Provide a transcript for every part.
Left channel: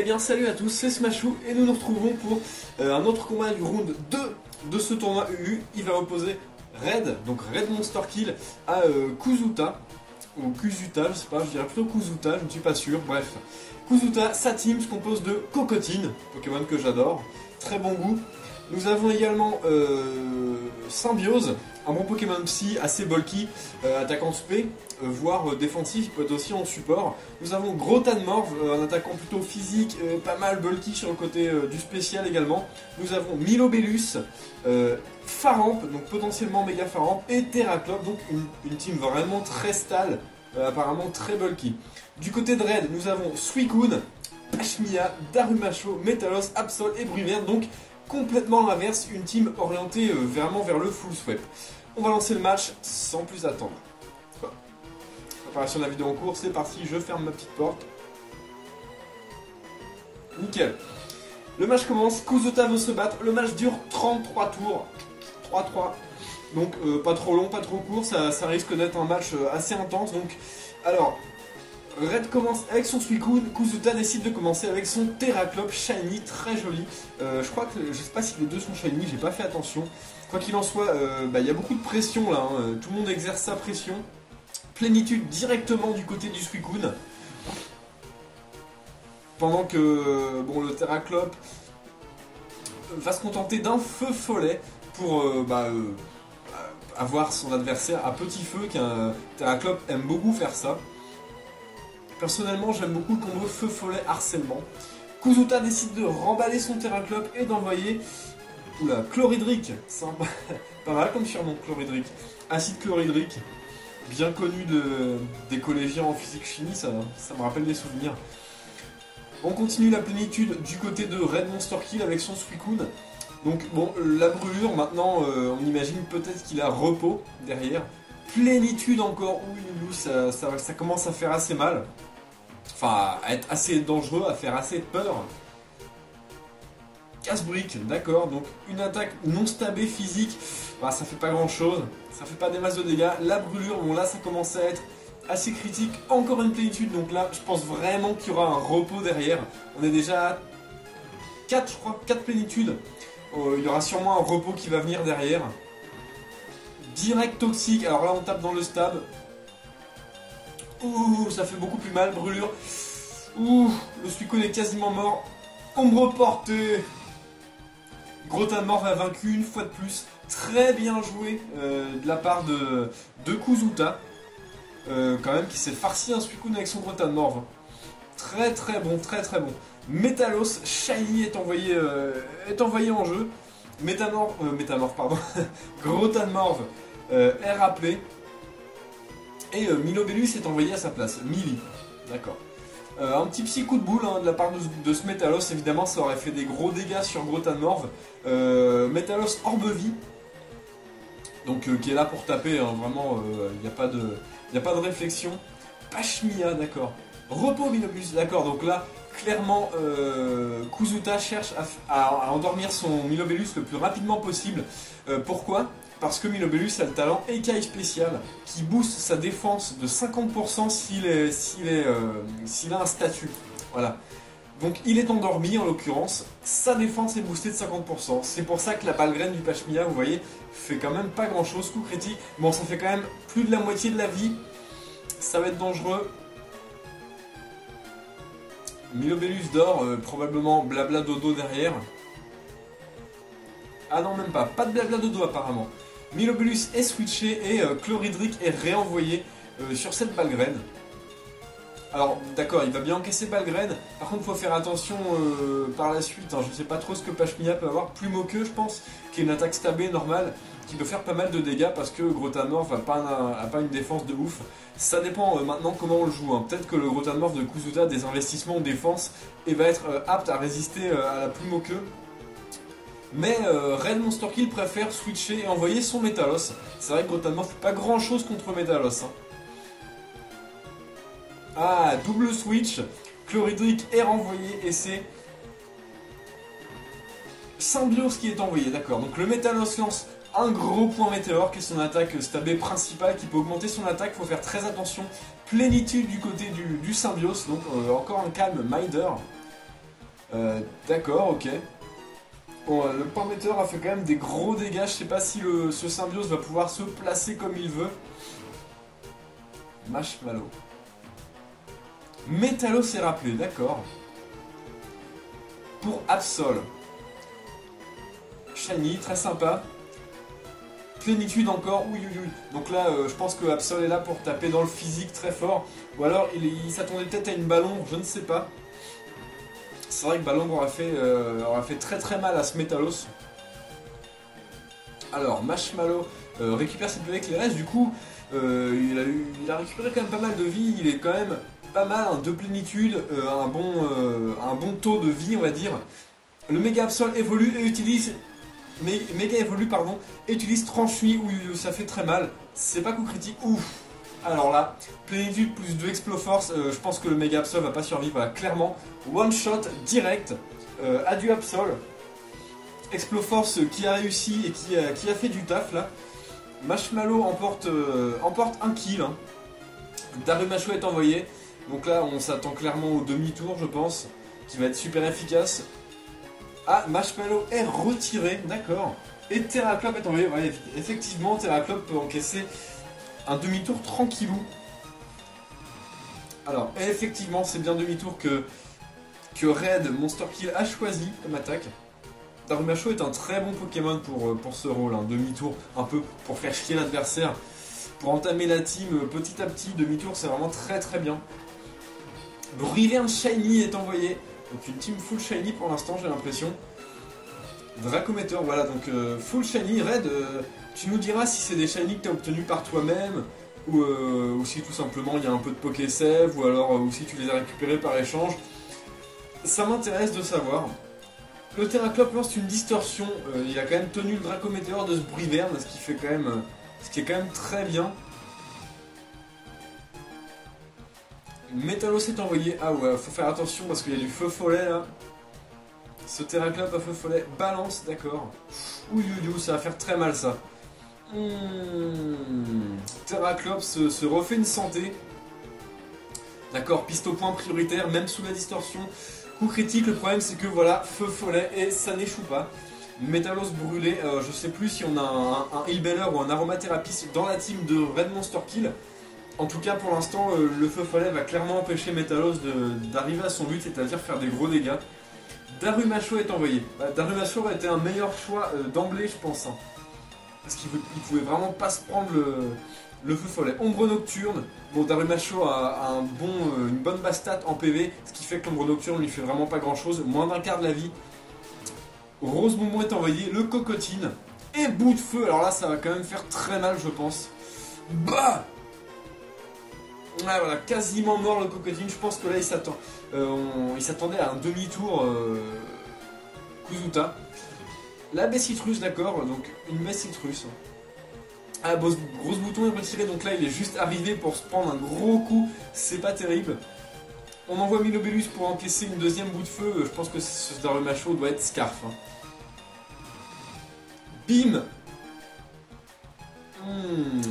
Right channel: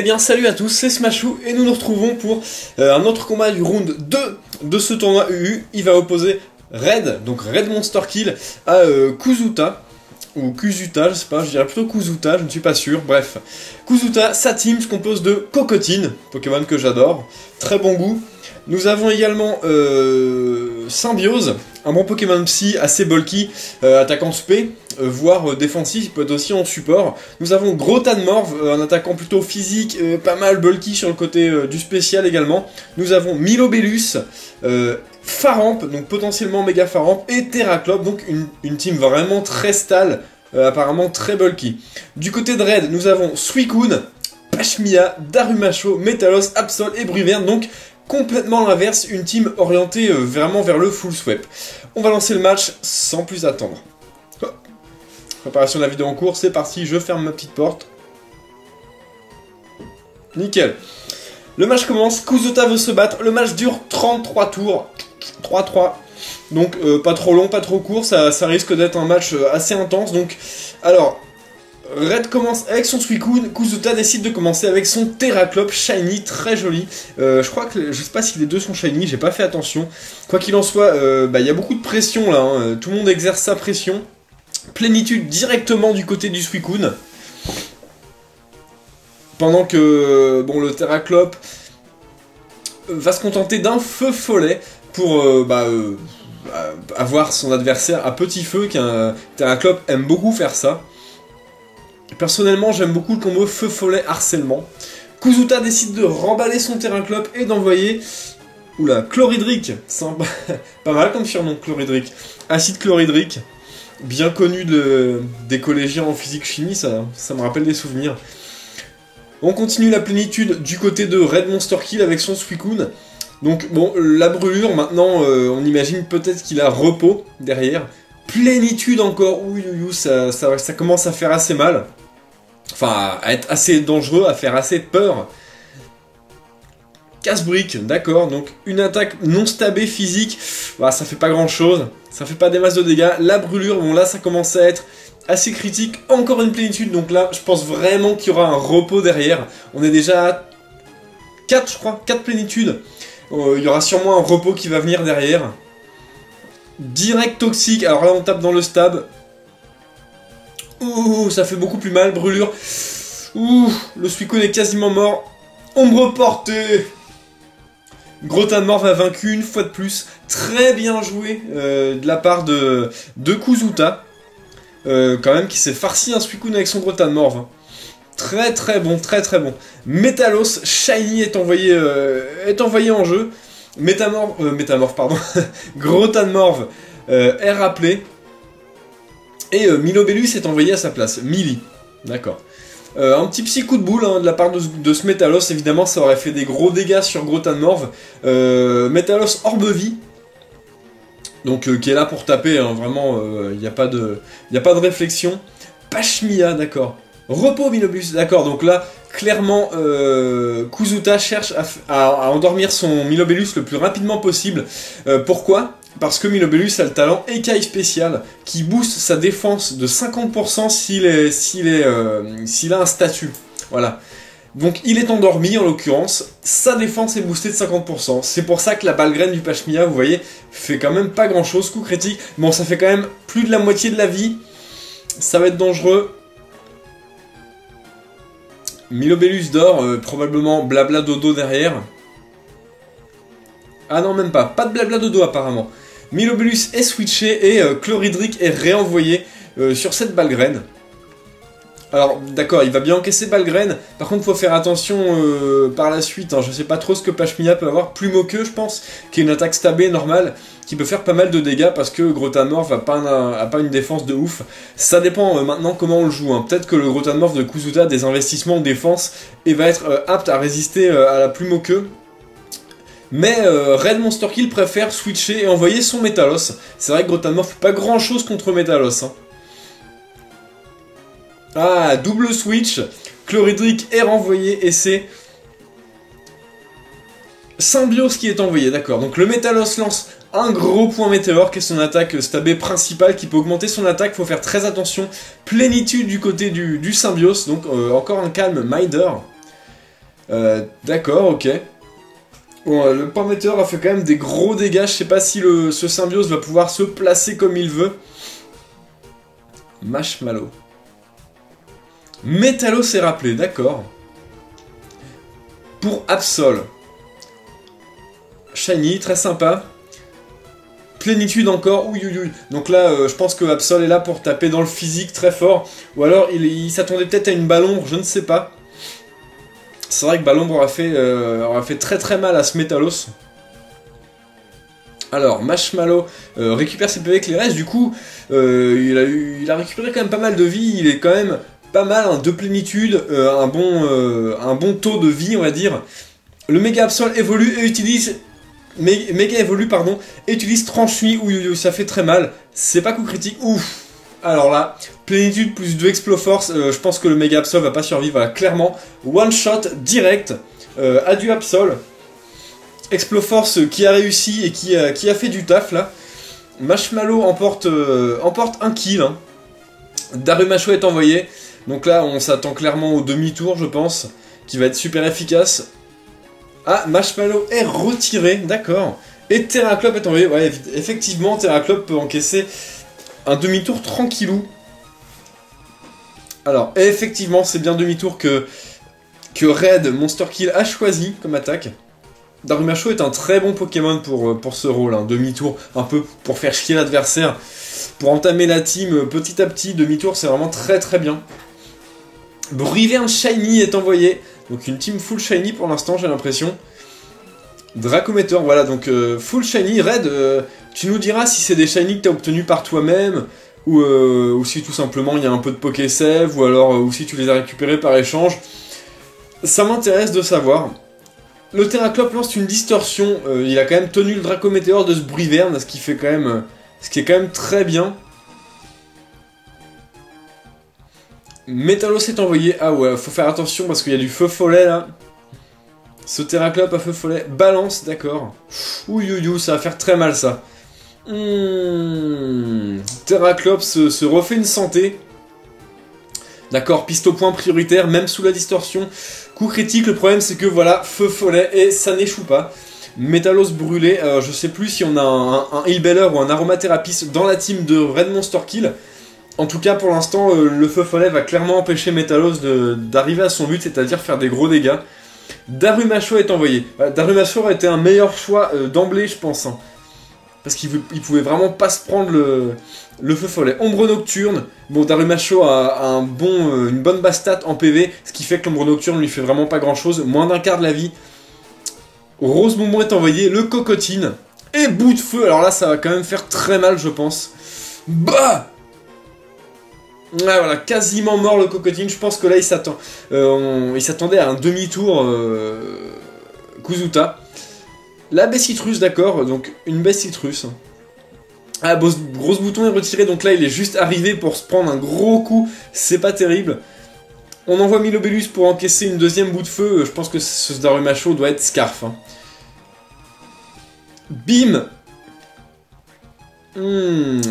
Eh bien salut à tous, c'est Smashou et nous nous retrouvons pour un autre combat du round 2 de ce tournoi UU. Il va opposer Red, donc Red Monster Kill, à Kuzuta, ou Kuzuta, je sais pas, je dirais plutôt Kuzuta, je ne suis pas sûr, bref. Kuzuta, sa team se compose de Cocotine, Pokémon que j'adore, très bon goût. Nous avons également Symbiose, un bon Pokémon Psy assez bulky, attaquant spé, voire défensif, il peut être aussi en support. Nous avons Grotanmorph, un attaquant plutôt physique, pas mal bulky sur le côté du spécial également. Nous avons Milobellus, Faramp, donc potentiellement Méga Faramp, et Terraclope, donc une team vraiment très stale, apparemment très bulky. Du côté de Red, nous avons Suicune, Pashmia, Darumacho, Metalos, Absol et Bruverne, donc complètement l'inverse, une team orientée vraiment vers le full sweep. On va lancer le match sans plus attendre. Préparation de la vidéo en cours, c'est parti, je ferme ma petite porte. Nickel. Le match commence, Kuzuta veut se battre, le match dure 33 tours, 3-3. Donc pas trop long, pas trop court, ça risque d'être un match assez intense. Donc, alors, Red commence avec son Suicune, Kuzuta décide de commencer avec son Terraclope Shiny, très joli. Je crois que, je sais pas si les deux sont Shiny, j'ai pas fait attention. Quoi qu'il en soit, il y a beaucoup de pression là, hein. Tout le monde exerce sa pression. Plénitude directement du côté du Suicune. Pendant que bon, le Terraclope va se contenter d'un feu follet pour avoir son adversaire à petit feu, qu'un Terraclope aime beaucoup faire ça. Personnellement, j'aime beaucoup le combo feu follet harcèlement. Kuzuta décide de remballer son Terraclope et d'envoyer... Oula, Chlorhydric, sympa. Pas mal comme surnom, Chlorhydric. Acide chlorhydrique, bien connu des collégiens en physique-chimie, ça me rappelle des souvenirs. On continue la plénitude du côté de Red Monster Kill avec son Suicune. Donc bon, la brûlure, maintenant, on imagine peut-être qu'il a repos derrière. Plénitude encore, ouh, ça commence à faire assez mal. Enfin, à être assez dangereux, à faire assez peur. Casse-brique, d'accord, donc une attaque non stabée physique, bah, ça fait pas grand chose, ça fait pas des masses de dégâts. La brûlure, bon là ça commence à être assez critique, encore une plénitude, donc là je pense vraiment qu'il y aura un repos derrière. On est déjà à 4, je crois, 4 plénitudes. Il y aura sûrement un repos qui va venir derrière. Direct toxique, alors là on tape dans le stab. Ouh, ça fait beaucoup plus mal, brûlure. Ouh, le Suicune est quasiment mort. Ombre portée. Grotanmorph a vaincu une fois de plus. Très bien joué de la part de Kuzuta. Quand même, qui s'est farci un Suicune avec son Grotanmorph. Très très bon, très très bon. Metalos Shiny est envoyé en jeu. Métamorph, pardon. Grotanmorph est rappelé. Et Milobellus est envoyé à sa place. Mili. D'accord. Un petit psy coup de boule hein, de la part de ce Metalos, évidemment ça aurait fait des gros dégâts sur Grotanmorph. Metalos Orbe-Vie, donc qui est là pour taper, hein, vraiment, il n'y a pas de réflexion. Pashmia, d'accord. Repos Milobellus, d'accord, donc là, clairement, Kuzuta cherche à endormir son Milobellus le plus rapidement possible. Pourquoi ? Parce que Milobellus a le talent écaille spécial qui booste sa défense de 50% s'il a un statut. Voilà. Donc il est endormi en l'occurrence, sa défense est boostée de 50%. C'est pour ça que la balle graine du Pashmia, vous voyez, fait quand même pas grand chose, coup critique. Bon, ça fait quand même plus de la moitié de la vie. Ça va être dangereux. Milobellus dort, probablement blabla dodo derrière. Ah non, même pas. Pas de blabla dodo apparemment. Milobellus est switché et Chlorhydric est réenvoyé sur cette balle graine. Alors d'accord, il va bien encaisser balle graine. Par contre, il faut faire attention par la suite. Hein. Je sais pas trop ce que Pashmia peut avoir. Plumequeux, je pense, qui est une attaque stabée normale, qui peut faire pas mal de dégâts parce que Grotanmorph a pas une défense de ouf. Ça dépend maintenant comment on le joue. Hein. Peut-être que le Grotanmorph de Kuzuta a des investissements en défense et va être apte à résister à la Plumequeux. Mais Red Monster Kill préfère switcher et envoyer son Metalos. C'est vrai que Grotanmorph fait pas grand chose contre Metalos. Hein. Ah, double switch. Chlorhydric est renvoyé et c'est Symbiose qui est envoyé, d'accord. Donc le Metalos lance un gros point météore qui est son attaque stabée principale qui peut augmenter son attaque, faut faire très attention. Plénitude du côté du Symbiose, donc encore un calme Mider. D'accord, ok. Bon, le Pormétéore a fait quand même des gros dégâts, je sais pas si ce Symbiose va pouvoir se placer comme il veut. Marshmallow. Métallo s'est rappelé, d'accord. Pour Absol. Shiny, très sympa. Plénitude encore, ouïe. Donc là, je pense que Absol est là pour taper dans le physique très fort. Ou alors, il s'attendait peut-être à une ballon, je ne sais pas. C'est vrai que Ballon aura fait très mal à ce Métalos. Alors, Marshmallow récupère ses PV avec les restes, du coup, il a récupéré quand même pas mal de vie, il est quand même pas mal, hein, de plénitude, un bon taux de vie, on va dire. Le Méga Absol évolue et utilise... Méga évolue, pardon, et utilise Tranche-Nuit, ouïe, ça fait très mal. C'est pas coup critique, ouf. Alors là, plénitude plus 2 Exploforce, je pense que le Méga Absol va pas survivre, voilà, clairement. One shot, direct, adieu Absol. Exploforce qui a réussi et qui a fait du taf là. Marshmallow emporte un kill. Hein. Darumacho est envoyé. Donc là, on s'attend clairement au demi-tour, je pense, qui va être super efficace. Ah, Marshmallow est retiré, d'accord. Et Terraclop est envoyé. Ouais, effectivement, Terraclop peut encaisser un demi-tour tranquillou. Alors, effectivement, c'est bien demi-tour que Red Monster Kill a choisi comme attaque. Darumacho est un très bon Pokémon pour ce rôle, hein, demi-tour, un peu pour faire chier l'adversaire, pour entamer la team petit à petit, demi-tour c'est vraiment très bien. Brivern Shiny est envoyé, donc une team full Shiny pour l'instant j'ai l'impression. Dracometer, voilà, donc full Shiny. Red, tu nous diras si c'est des Shiny que tu as obtenus par toi-même, ou si tout simplement il y a un peu de Pokésave, ou alors ou si tu les as récupérés par échange. Ça m'intéresse de savoir. Le Terraclop lance une distorsion, il a quand même tenu le Dracométéore de ce Brivern, ce qui est quand même très bien. Métalos est envoyé, ah ouais, faut faire attention parce qu'il y a du feu follet là. Ce Terraclop à feu follet, balance, d'accord. Ouh, ça va faire très mal ça. Terraclop se refait une santé. D'accord, piste au point prioritaire, même sous la distorsion. Coup critique, le problème c'est que voilà, feu follet et ça n'échoue pas. Métalos brûlé, je sais plus si on a un Healbeller ou un aromathérapiste dans la team de Red Monster Kill. En tout cas pour l'instant, le feu follet va clairement empêcher Métalos d'arriver à son but, c'est-à-dire faire des gros dégâts. Darumacho est envoyé. Darumacho aurait été un meilleur choix d'emblée je pense. Hein, parce qu'il pouvait vraiment pas se prendre le feu follet. Ombre Nocturne, bon Darumacho a une bonne base stat en PV, ce qui fait que l'Ombre Nocturne lui fait vraiment pas grand chose, moins d'un quart de la vie. Rose Bonbon est envoyé, le Cocotine, et bout de feu, alors là ça va quand même faire très mal je pense. Bah ouais voilà, quasiment mort le Cocotine, je pense que là il s'attendait à un demi-tour Kuzuta. La baie citrus, d'accord, donc une baie citrus. Ah, gros bouton est retiré, donc là il est juste arrivé pour se prendre un gros coup, c'est pas terrible. On envoie Milobellus pour encaisser une deuxième bout de feu, je pense que ce Darumacho doit être Scarf. Hein. Bim.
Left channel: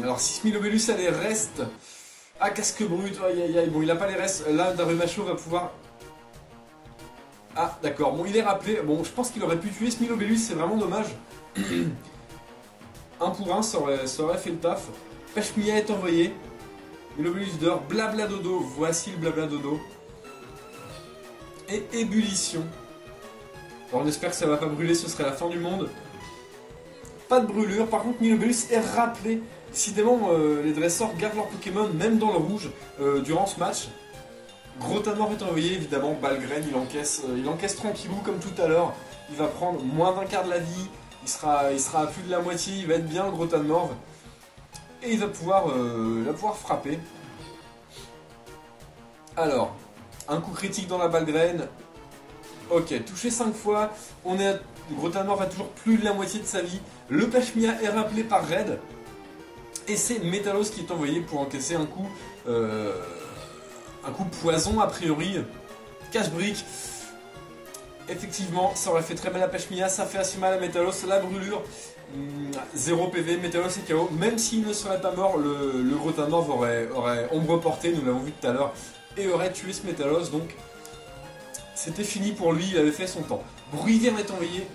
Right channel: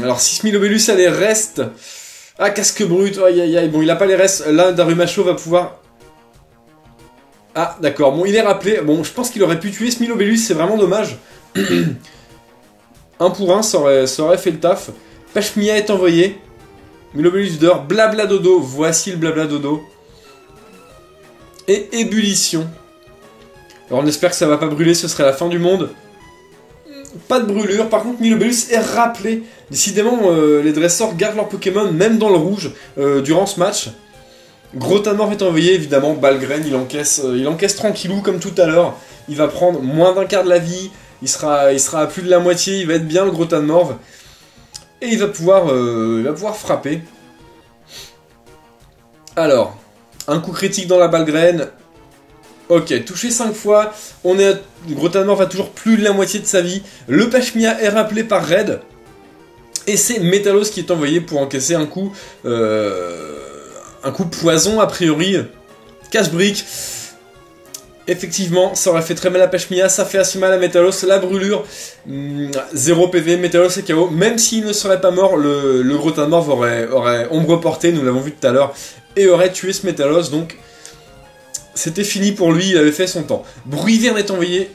Alors 6 Milobellus a les restes. Ah, casque brut, aïe, bon il a pas les restes, là Darumacho va pouvoir... Ah, d'accord, bon il est rappelé, bon je pense qu'il aurait pu tuer ce Milobellus, c'est vraiment dommage. 1 pour 1, ça aurait fait le taf. Pashmia est envoyé. Milobellus d'or, blabla dodo, voici le blabla dodo. Et ébullition. Alors on espère que ça va pas brûler, ce serait la fin du monde. Pas de brûlure, par contre Milobellus est rappelé. Décidément, les dresseurs gardent leur Pokémon, même dans le rouge, durant ce match. Grotanor est envoyé, évidemment, Balgraine, il encaisse tranquillou comme tout à l'heure. Il va prendre moins d'un quart de la vie. Il sera à plus de la moitié, il va être bien le Grotanmorve. Et il va pouvoir frapper. Alors, un coup critique dans la Balgraine. Ok, touché 5 fois. Grotanmorve a toujours plus de la moitié de sa vie. Le Pashmia est rappelé par Red. Et c'est Métalos qui est envoyé pour encaisser un coup poison a priori. Casse-brique. Effectivement, ça aurait fait très mal à Pashmia, ça fait assez mal à Métalos, la brûlure, 0 PV, Métalos est KO, même s'il ne serait pas mort, le Grotanmorve aurait ombre portée, nous l'avons vu tout à l'heure, et aurait tué ce Métalos, donc c'était fini pour lui, il avait fait son temps. Bruyvern est envoyé.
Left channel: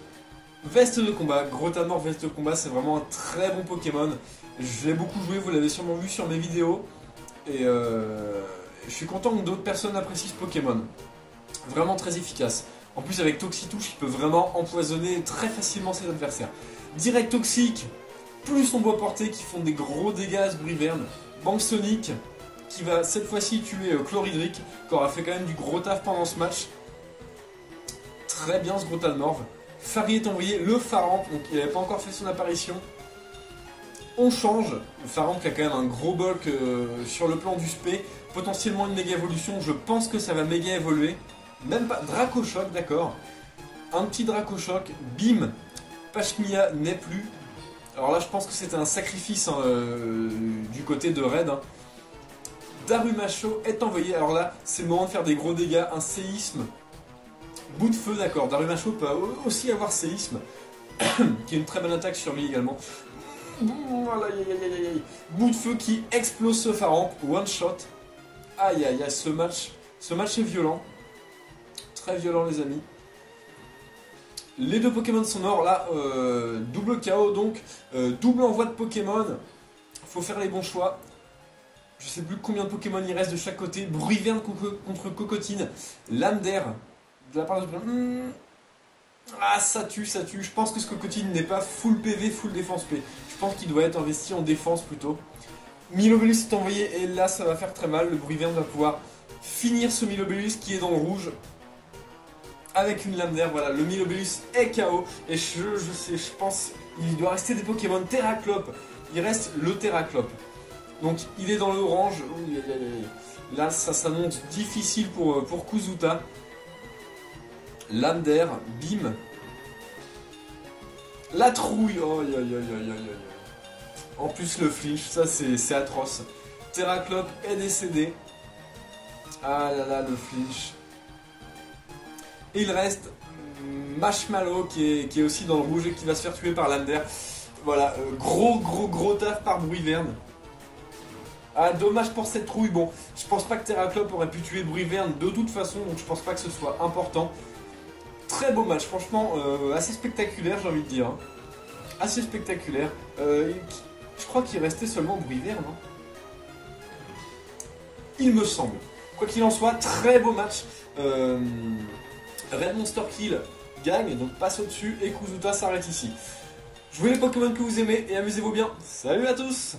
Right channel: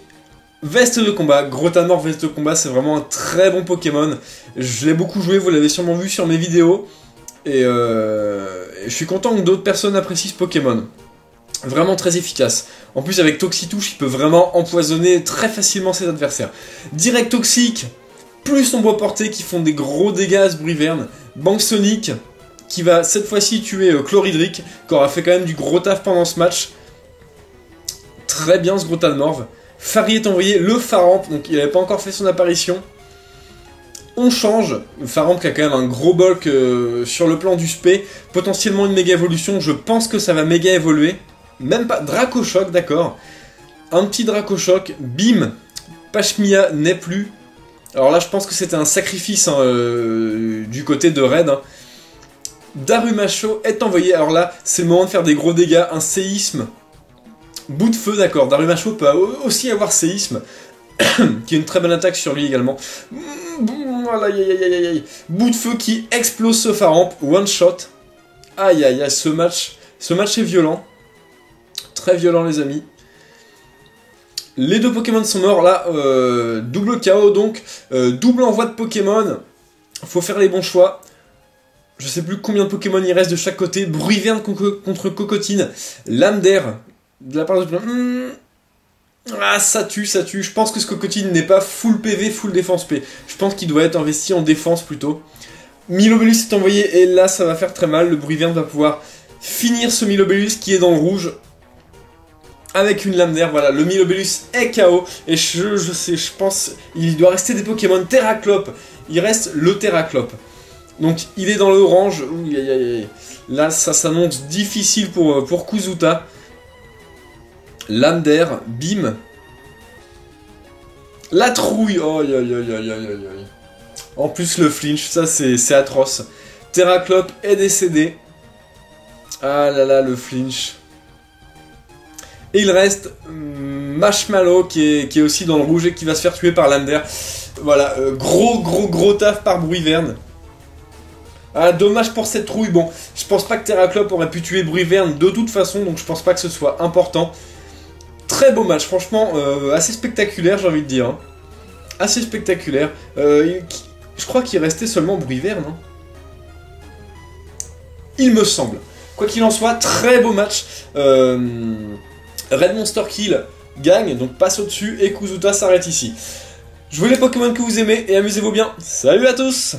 Veste de combat, Grotamorph veste de combat, c'est vraiment un très bon Pokémon. Je l'ai beaucoup joué, vous l'avez sûrement vu sur mes vidéos. Et je suis content que d'autres personnes apprécient ce Pokémon. Vraiment très efficace. En plus avec Toxitouche, il peut vraiment empoisonner très facilement ses adversaires. Direct Toxique, plus Ombre Portée qui font des gros dégâts à ce Bruyvern. Banque Sonic, qui va cette fois-ci tuer Chloridric, qui aura fait quand même du gros taf pendant ce match. Très bien ce Grotamorph. Fari est envoyé, le Faramp, donc il n'avait pas encore fait son apparition. On change, le Faramp qui a quand même un gros bulk sur le plan du spé, potentiellement une méga évolution, je pense que ça va méga évoluer. Même pas, Dracochoc, d'accord. Un petit Dracochoc, bim, Pashmia n'est plus. Alors là je pense que c'était un sacrifice hein, du côté de Red. Hein. Darumacho est envoyé, alors là c'est le moment de faire des gros dégâts, un séisme. Bout de feu, d'accord. Darumacho peut aussi avoir séisme, qui est une très bonne attaque sur lui également. Bout de feu qui explose ce Faramp, one shot. Aïe aïe aïe, ce match est violent. Très violent les amis. Les deux Pokémon sont morts là, double KO donc, double envoi de Pokémon. Faut faire les bons choix. Je sais plus combien de Pokémon il reste de chaque côté. Bruyvern contre Cocotine. Lame d'air de la part de... Ah, ça tue, ça tue. Je pense que ce Cocotine n'est pas full PV, full défense P. Je pense qu'il doit être investi en défense plutôt. Milobellus est envoyé et là ça va faire très mal. Le Bruyvern va pouvoir finir ce Milobellus qui est dans le rouge. Avec une lame d'air, voilà. Le Milobellus est KO. Et je pense il doit rester des Pokémon Terraclope. Il reste le Terraclope. Donc il est dans l'orange. Là ça s'annonce difficile pour Kuzuta. Lame d'air, bim. La trouille. Oh, aïe, aïe, aïe, aïe, aïe. En plus le flinch, ça c'est atroce. Terraclope est décédé. Ah là là, le flinch. Et il reste Marshmallow qui est aussi dans le rouge et qui va se faire tuer par Lame d'air. Voilà, gros taf par Bruyvern. Ah, dommage pour cette trouille. Bon, je pense pas que Terraclope aurait pu tuer Bruyvern de toute façon, donc je pense pas que ce soit important. Très beau match, franchement, assez spectaculaire, j'ai envie de dire. Hein. Assez spectaculaire. Je crois qu'il restait seulement Bruyvern. Hein. Il me semble. Quoi qu'il en soit, très beau match. Red Monster Kill gagne, donc passe au-dessus, et Kuzuta s'arrête ici. Jouez les Pokémon que vous aimez et amusez-vous bien. Salut à tous!